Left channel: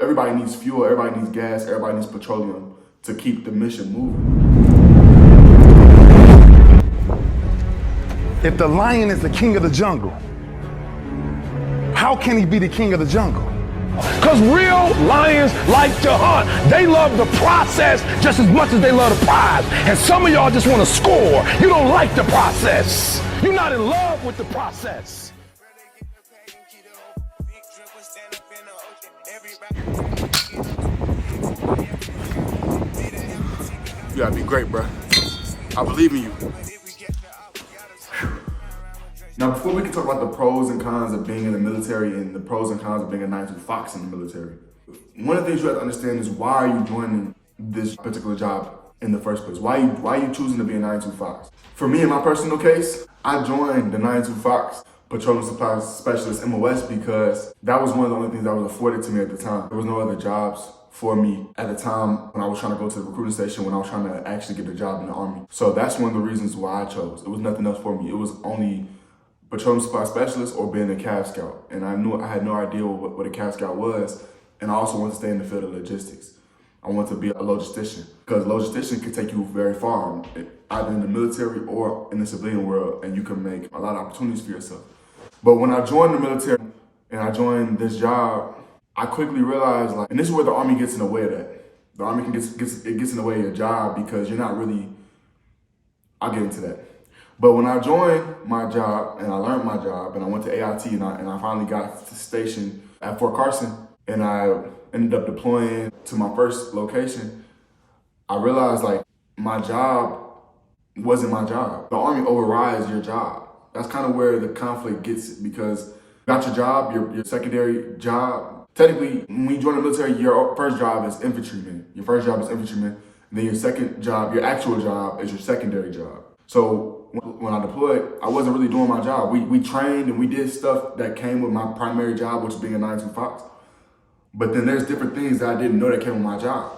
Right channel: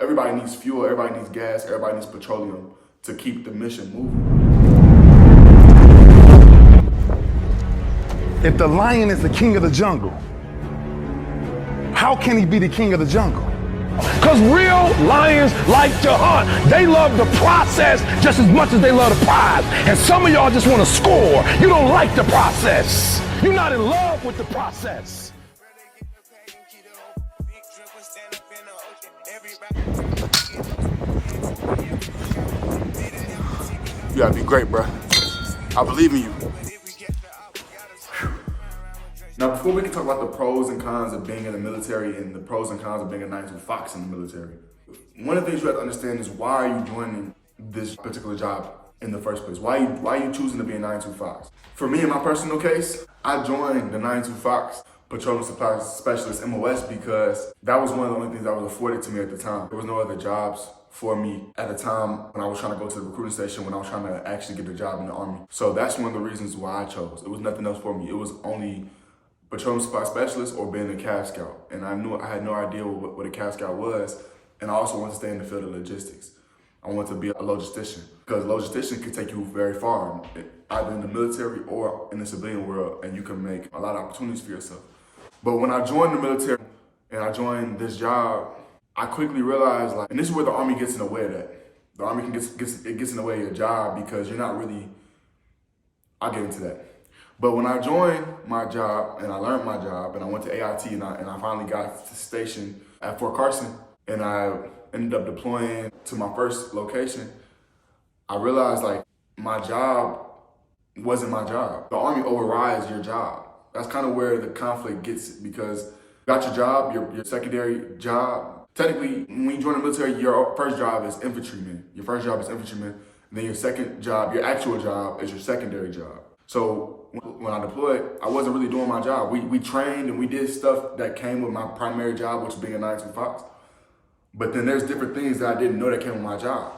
Everybody needs fuel, everybody needs gas, everybody needs petroleum to keep the mission moving. If the lion is the king of the jungle, how can he be the king of the jungle? Because real lions like to hunt. They love the process just as much as they love the prize. And some of y'all just want to score. You don't like the process. You're not in love with the process. You gotta be great, bro. I believe in you. Now, before we can talk about the pros and cons of being in the military and the pros and cons of being a 9-2 Fox in the military, one of the things you have to understand is why are you joining this particular job in the first place? Why are you choosing to be a 9-2 Fox? For me, in my personal case, I joined the 9-2 Fox Petroleum Supply Specialist MOS because that was one of the only things that was afforded to me at the time. There was no other jobs for me at the time when I was trying to go to the recruiting station, when I was trying to actually get a job in the Army. So that's one of the reasons why I chose. It was nothing else for me. It was only Petroleum Supply Specialist or being a Cav Scout. And I had no idea what a Cav Scout was. And I also wanted to stay in the field of logistics. I wanted to be a logistician because logistician can take you very far, either in the military or in the civilian world, and you can make a lot of opportunities for yourself. But when I joined the military and I joined this job, I quickly realized, and this is where the Army gets in the way of that. The Army gets in the way of your job because you're not really, I'll get into that. But when I joined my job and I learned my job and I went to AIT and I finally got stationed at Fort Carson and I ended up deploying to my first location, I realized my job wasn't my job. The Army overrides your job. That's kind of where the conflict gets because you got your job, your secondary job. Technically, when you join the military, your first job is infantryman. Your first job is infantryman. And then your second job, your actual job, is your secondary job. So when I deployed, I wasn't really doing my job. We trained and we did stuff that came with my primary job, which was being a 9-2 Fox. But then there's different things that I didn't know that came with my job.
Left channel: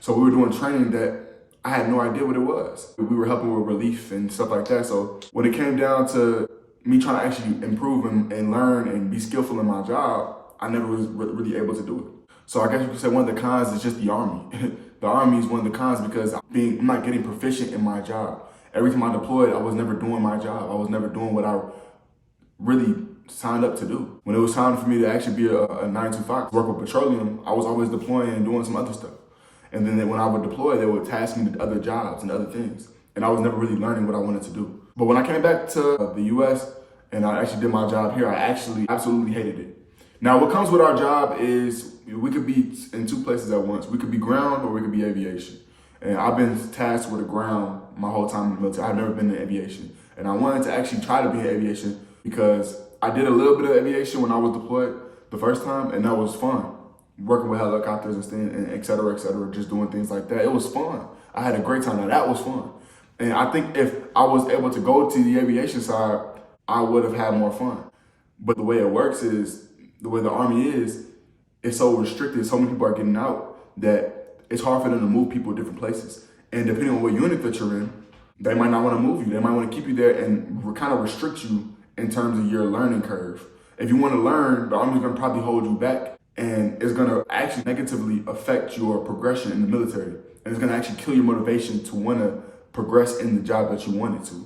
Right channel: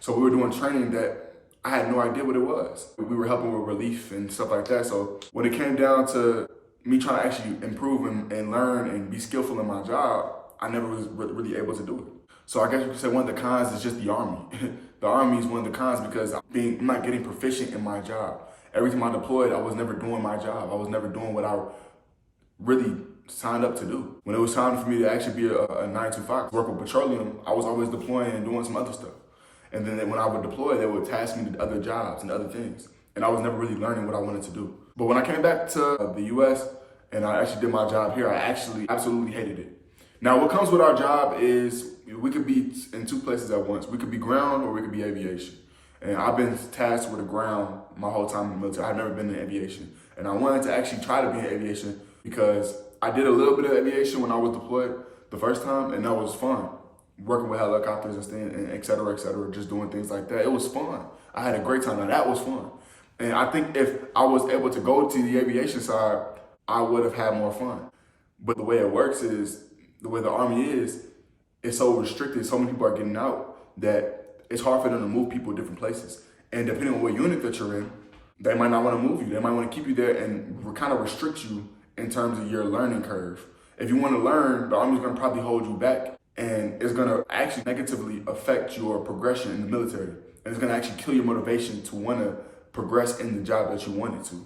So we were doing training that I had no idea what it was. We were helping with relief and stuff like that. So when it came down to me trying to actually improve and learn and be skillful in my job, I never was really able to do it. So I guess you could say one of the cons is just the Army. The Army is one of the cons because I'm not getting proficient in my job. Every time I deployed, I was never doing my job. I was never doing what I really signed up to do. When it was time for me to actually be a 9-2 Fox, work with Petroleum, I was always deploying and doing some other stuff. And then when I would deploy, they would task me to other jobs and other things. And I was never really learning what I wanted to do. But when I came back to the US and I actually did my job here, I actually absolutely hated it. Now, what comes with our job is we could be in two places at once. We could be ground or we could be aviation. And I've been tasked with the ground my whole time in the military. I've never been in aviation. And I wanted to actually try to be in aviation because I did a little bit of aviation when I was deployed the first time, and that was fun. Working with helicopters and et cetera, just doing things like that. It was fun. I had a great time. Now that was fun. And I think if I was able to go to the aviation side, I would have had more fun. But the way it works is, the way the Army is, it's so restricted. So many people are getting out that it's hard for them to move people to different places. And depending on what unit that you're in, they might not want to move you. They might want to keep you there and kind of restrict you in terms of your learning curve. If you want to learn, the Army's going to probably hold you back, and it's going to actually negatively affect your progression in the military. And it's going to actually kill your motivation to want to progress in the job that you wanted to.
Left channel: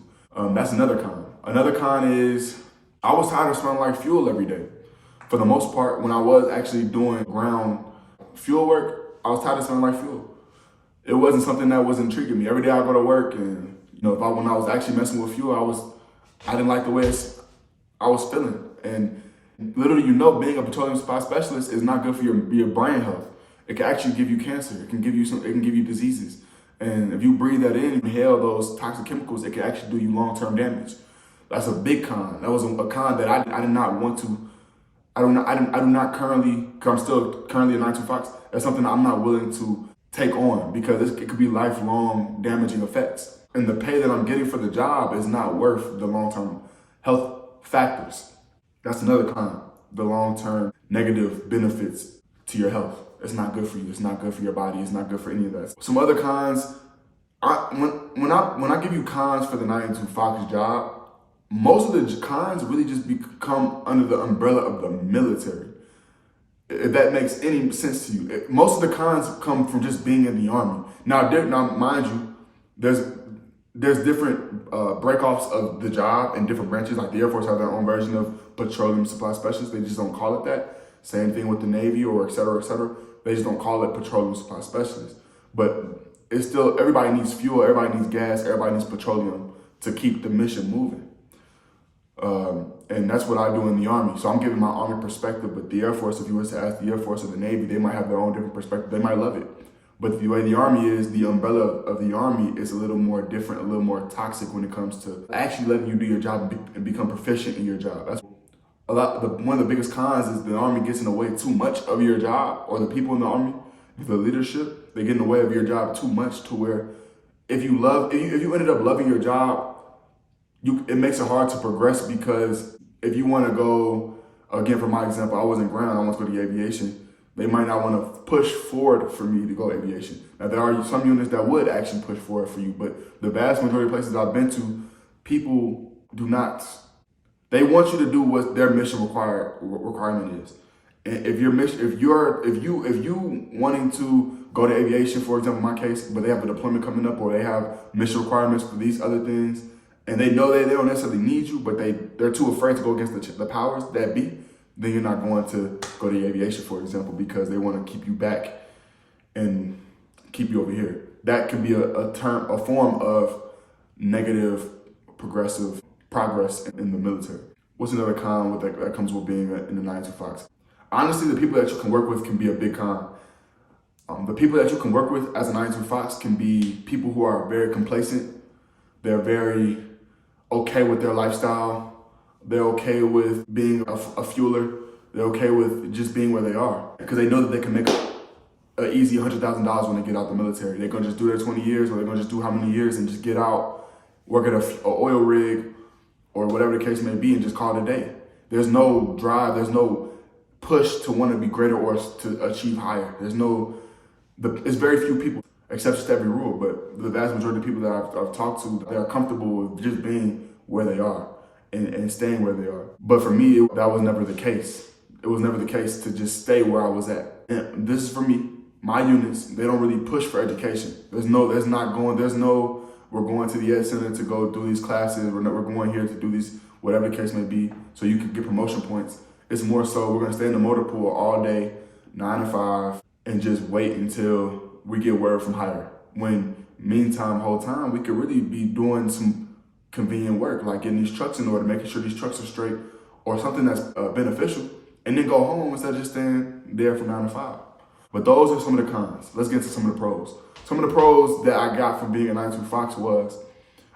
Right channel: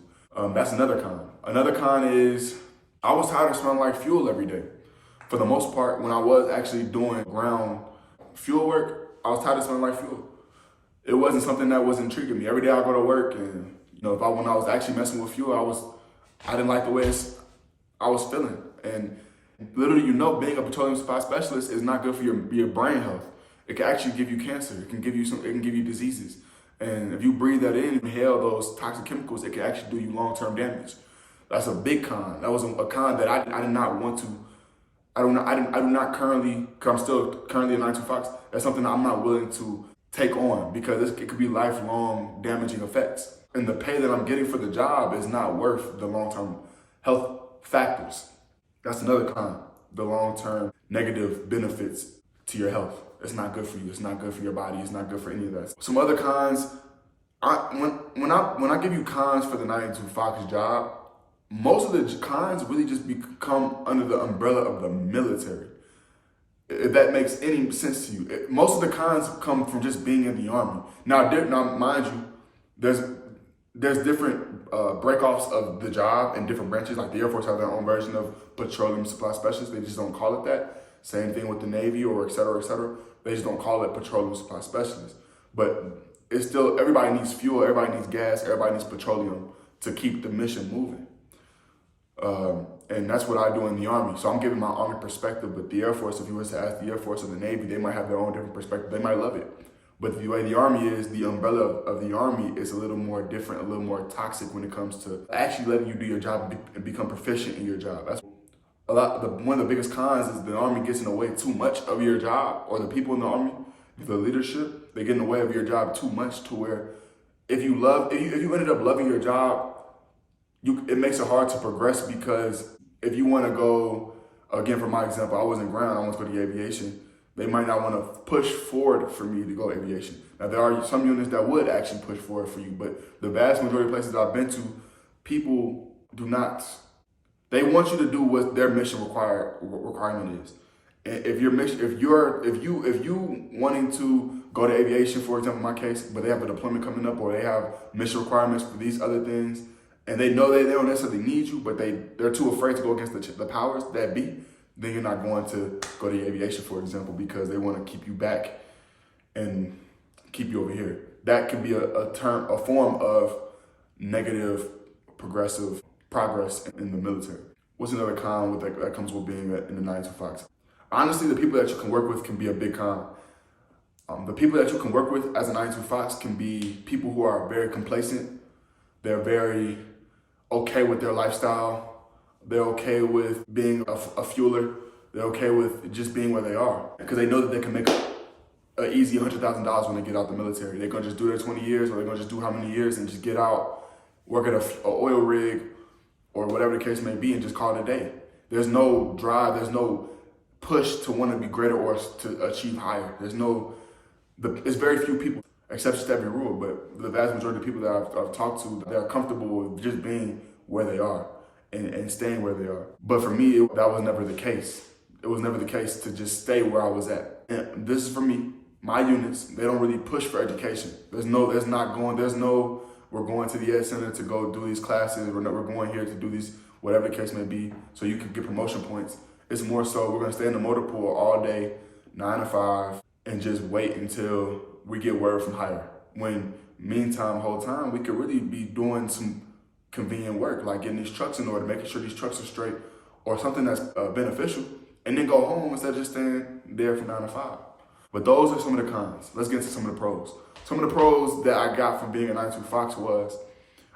That's another con. Another con is I was tired of smelling like fuel every day. For the most part, when I was actually doing ground fuel work, I was tired of smelling like fuel. It wasn't something that was intriguing me. Every day I go to work and, when I was actually messing with fuel, I didn't like the way I was feeling. And literally, being a petroleum supply specialist is not good for your brain health. It can actually give you cancer. It can give you diseases. And if you breathe that in and inhale those toxic chemicals, it can actually do you long-term damage. That's a big con. That was a con that I did not want to. I do not currently, because I'm still currently a 9-2 Fox, that's something that I'm not willing to take on because it could be lifelong damaging effects. And the pay that I'm getting for the job is not worth the long-term health factors. That's another con, the long-term negative benefits to your health. It's not good for you. It's not good for your body. It's not good for any of that. Some other cons, when I give you cons for the 9-2 Fox job, most of the cons really just come under the umbrella of the military. If that makes any sense to you. Most of the cons come from just being in the Army. Now mind you, there's different breakoffs of the job in different branches. Like the Air Force have their own version of petroleum supply specialist. They just don't call it that. Same thing with the Navy or et cetera, et cetera. They just don't call it petroleum supply specialist. But it's still, everybody needs fuel, everybody needs gas, everybody needs petroleum to keep the mission moving. And that's what I do in the Army. So I'm giving my Army perspective, but the Air Force, if you was to ask the Air Force or the Navy, they might have their own different perspective. They might love it. But the way the Army is, the umbrella of the Army is a little more different, a little more toxic when it comes to actually letting you do your job and become proficient in your job. That's one of the biggest cons is the Army gets in the way too much of your job, or the people in the Army, the leadership, they get in the way of your job too much to where if you ended up loving your job, it makes it hard to progress, because if you want to go, again, for my example, I was in ground, I want to go to aviation. They might not want to push forward for me to go aviation. Now, there are some units that would actually push forward for you, but the vast majority of places I've been to, people do not. They want you to do what their mission requirement is. And if you wanting to go to aviation, for example, in my case, but they have a deployment coming up, or they have mission requirements for these other things, and they know they don't necessarily need you, but they're too afraid to go against the powers that be, then you're not going to go to aviation, for example, because they want to keep you back and keep you over here. That could be a form of negative progressive progress in the military. What's another con that comes with being in the 92 Fox? Honestly, the people that you can work with can be a big con. The people that you can work with as a 92 Fox can be people who are very complacent. They're very okay with their lifestyle. They're okay with being a fueler. They're okay with just being where they are, because they know that they can make an easy $100,000 when they get out the military. They're gonna just do their 20 years, or they're gonna just do how many years and just get out, work at a oil rig or whatever the case may be, and just call it a day. There's no drive, there's no push to want to be greater or to achieve higher. It's very few people, exceptions to every rule, but the vast majority of people that I've talked to, they are comfortable with just being where they are and staying where they are. But for me, that was never the case. It was never the case to just stay where I was at. And this is for me, my units, they don't really push for education. We're going to the Ed Center to go do these classes. We're going here to do these, whatever the case may be, so you can get promotion points. It's more so we're gonna stay in the motor pool all day, 9 to 5, and just wait until we get word from higher. When meantime, whole time, we could really be doing some convenient work, like getting these trucks in order, making sure these trucks are straight, or something that's beneficial, and then go home instead of just staying there from 9 to 5. But those are some of the cons. Let's get into some of the pros. Some of the pros that I got from being a 92 Fox was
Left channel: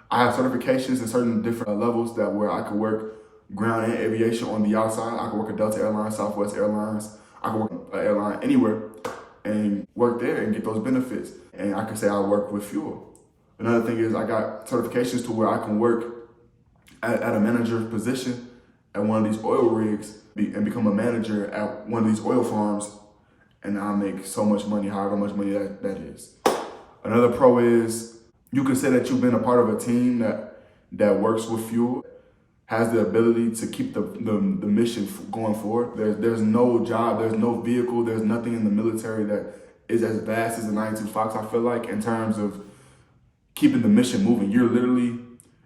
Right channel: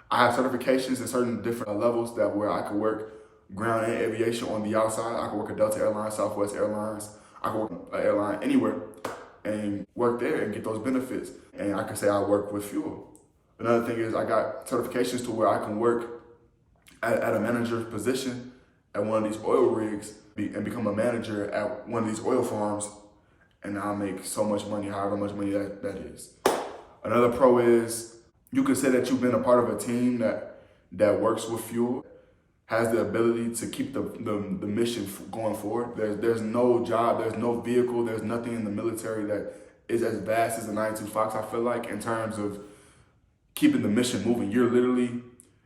I have certifications in certain different levels where I could work ground and aviation on the outside. I could work at Delta Airlines, Southwest Airlines. I could work at an airline anywhere and work there and get those benefits. And I can say I work with fuel. Another thing is I got certifications to where I can work at a manager position at one of these oil rigs and become a manager at one of these oil farms, and I'll make so much money, however much money that is. Another pro is you can say that you've been a part of a team that works with fuel, has the ability to keep the mission going forward. There's no job, there's no vehicle, there's nothing in the military that is as vast as the 92 Fox, I feel like, in terms of keeping the mission moving. You're literally,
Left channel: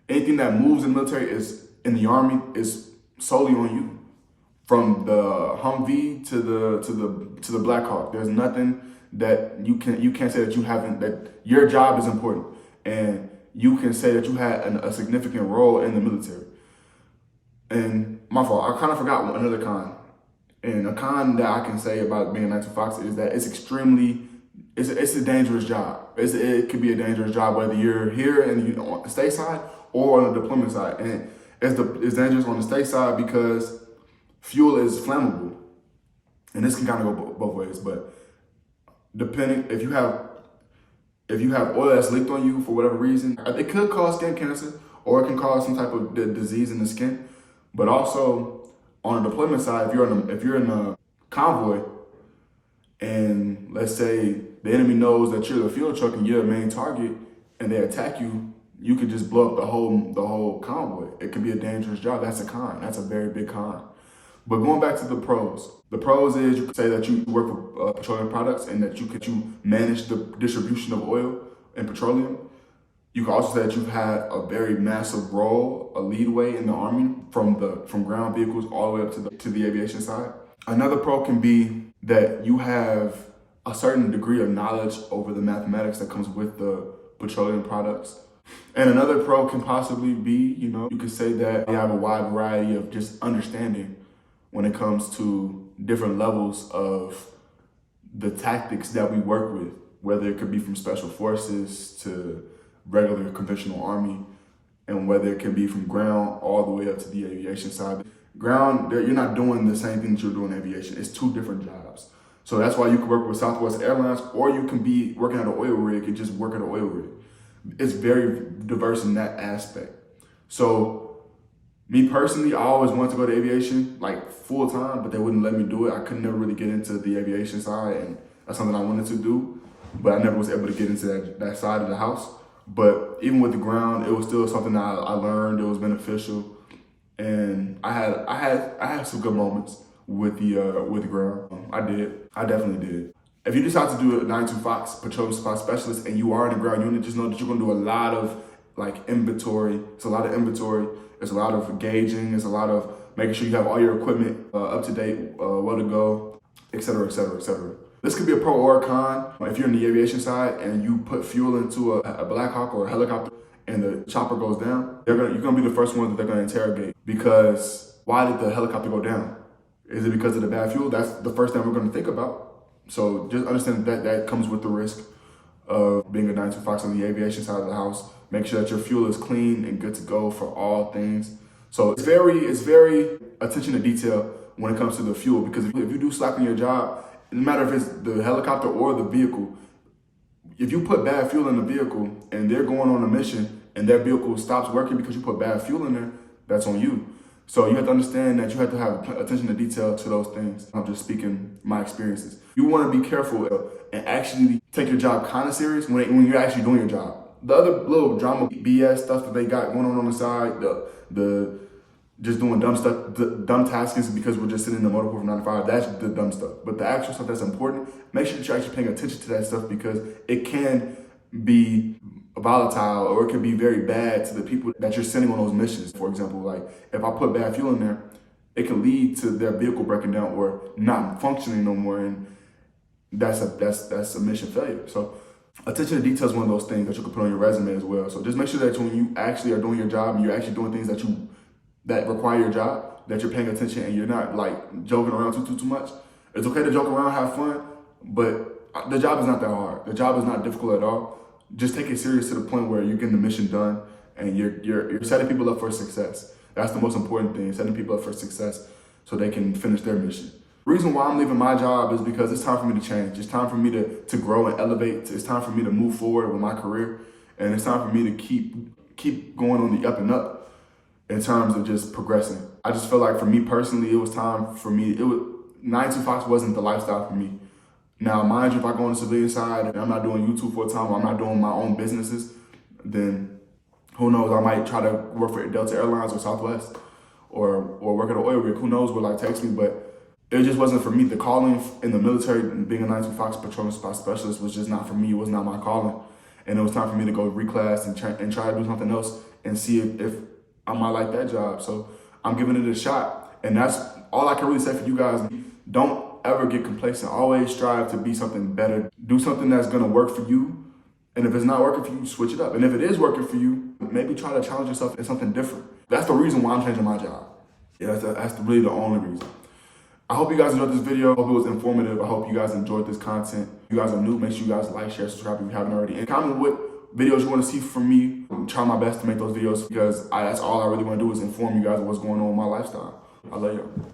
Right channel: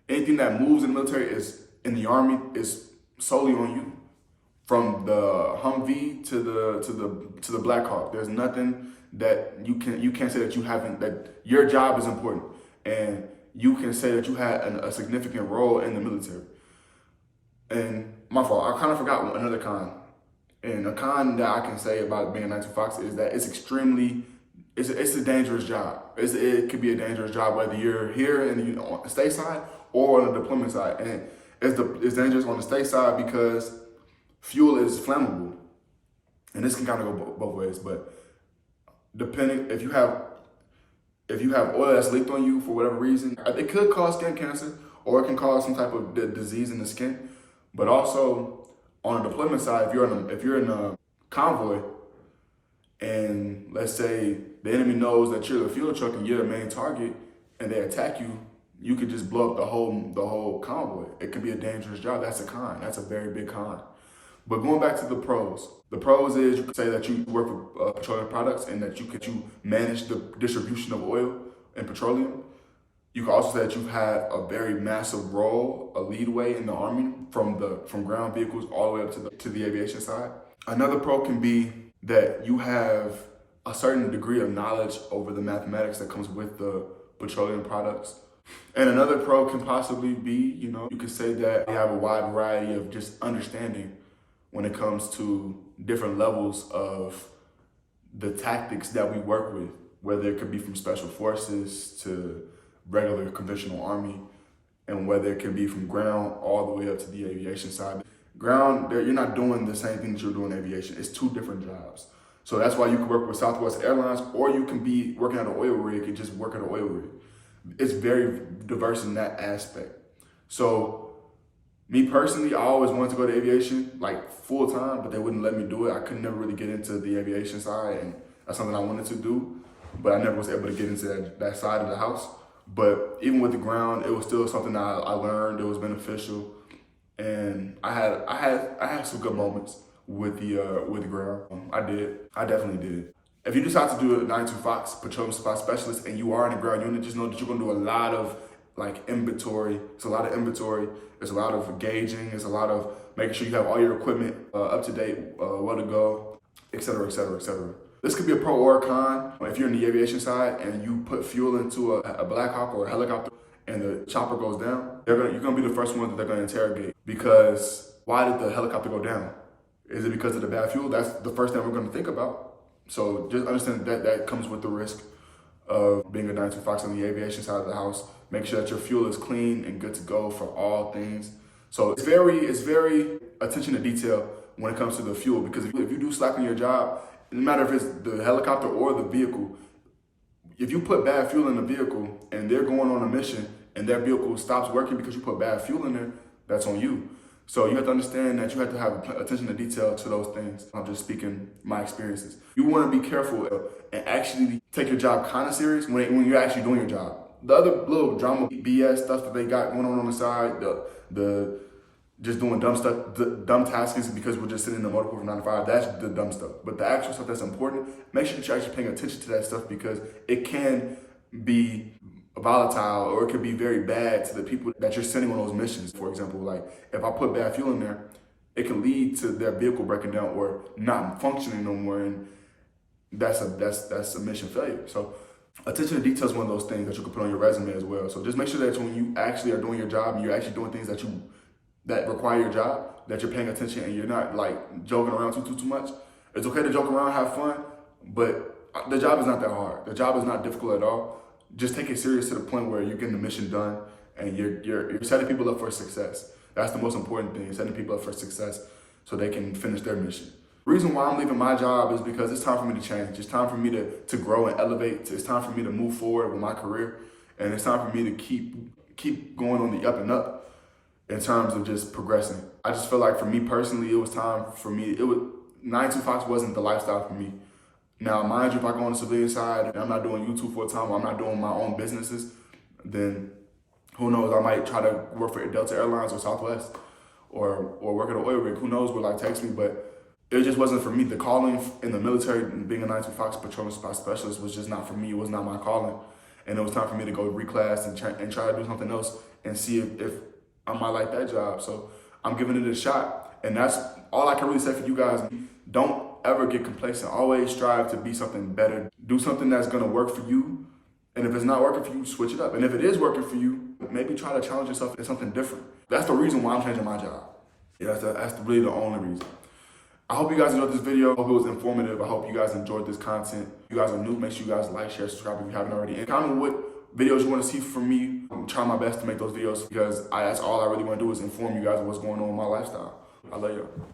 anything that moves in the military in the Army is solely on you. From the Humvee to the Black Hawk, there's nothing that you can't say that you haven't, that your job is important, and you can say that you had a significant role in the military. And my fault, I kind of forgot another con. And a con that I can say about being a 92 Fox is that it's a dangerous job. It could be a dangerous job whether you're here and on the state side or on the deployment side. And it's dangerous on the state side because fuel is flammable. And this can kind of go both ways, but depending, if you have oil that's leaked on you for whatever reason, it could cause skin cancer, or it can cause some type of disease in the skin. But also on the deployment side, if you're in a convoy, and let's say the enemy knows that you're the fuel truck and you're the main target, and they attack you, you could just blow up the whole convoy. It could be a dangerous job. That's a con. That's a very big con. But going back to the pros is you could say that you work for petroleum products and that you manage the distribution of oil and petroleum. You can also say that you've had a very massive role, a leadway in the Army from ground vehicles all the way up to the aviation side. Another pro can be that you have a certain degree of knowledge over the mathematics that comes with the petroleum products. And another pro can possibly be, you could say that you have a wide variety of just understanding when it comes to different levels of the tactics that we work with, whether it could be from special forces to regular conventional Army, and whether it can be from ground all the way up to the aviation side. Ground, you're not doing the same thing that you're doing in aviation. It's two different jobs. So that's why you can work with Southwest Airlines, or you can be working at an oil rig and just work at an oil rig. It's very diverse in that aspect. So me personally, I always wanted to go to aviation like full time, but they wouldn't let me do it. I could never really get into the aviation side, and that's something I wanted to do, but I never was able to get into that side of the house. But even with the ground, it was still something that I learned. It was beneficial, and I had some good moments with the ground. I definitely did. If you decide to do a 9-2 Fox Petroleum Supply Specialist and you are in the ground unit, just know that you're gonna do a lot of inventory. It's a lot of inventory. It's a lot of gauging. It's a lot of making sure you have all your equipment up to date, well to go, et cetera, et cetera, et cetera. This could be a pro or a con. If you're in the aviation side and you put fuel into a Black Hawk or a helicopter and the chopper goes down, you're gonna be the first one that they're gonna interrogate, because why did the helicopter go down? Is it because of the bad fuel? That's the first thing we're gonna think about. So just understand that comes with the risk of being a 9-2 Fox on the aviation side of the house. Make sure that your fuel is clean and good to go for all things. So it's very attention to detail when it comes to the fuel, because if you do slack on your job, no matter if it's the helicopter or the vehicle, if you put bad fuel in the vehicle and they're going on a mission and their vehicle stops working because you put bad fuel in there, that's on you. So you have to understand that you have to have attention to detail to those things. I'm just speaking my experiences. You want to be careful and actually take your job kind of serious when you're actually doing your job. The other little drama BS stuff that they got going on the side, the just doing dumb stuff, dumb taskings because we're just sitting in the motorpool for 9 to 5, that's the dumb stuff. But the actual stuff that's important, make sure that you're actually paying attention to that stuff, because it can be volatile or it can be very bad to the people that you're sending on those missions. For example, like if I put bad fuel in there, it can lead to their vehicle breaking down or not functioning no more, and that's a mission failure. So attention to detail is one of those things that you can put on your resume as well. So just make sure that when you actually are doing your job and you're actually doing things that require your job, that you're paying attention and you're not like joking around too much. It's okay to joke around, have fun, but the job is not that hard. The job is not difficult at all. Just take it serious to the point where you're getting the mission done and you're setting people up for success. That's the most important thing, setting people up for success so they can finish their mission. The reason why I'm leaving my job is because it's time for me to change. It's time for me to grow and elevate. It's time for me to move forward with my career. And it's time for me to keep going on the up and up in terms of just progressing. I just feel like for me personally, it was time for me. 9-2 Fox wasn't the lifestyle for me. Now, mind you, if I go on the civilian side and I'm not doing YouTube full time or I'm not doing my own businesses, then who knows, I might try to work for Delta Airlines or Southwest or work at an oil rig. Who knows where life takes me, but it just wasn't for me. The calling in the military and being a 9-2 Fox Petroleum Supply Specialist was just not for me. It was not my calling. And it was time for me to go reclass and try to do something else and see if I might like that job. So I'm giving it a shot. And that's all I can really say for you guys. Don't ever get complacent. Always strive to be something better. Do something that's gonna work for you. And if it's not working for you, switch it up. And if it is working for you, maybe try to challenge yourself in something different. That's the reason why I'm changing my job. Yeah, that's really the only reason. I hope you guys enjoyed this video. I hope it was informative. I hope you guys enjoyed this content. If you guys are new, make sure you guys like, share, subscribe if you haven't already. And comment what videos you want to see from me. I'm trying my best to make those videos because that's all I really want to do is inform you guys of what's going on with my lifestyle. I love you.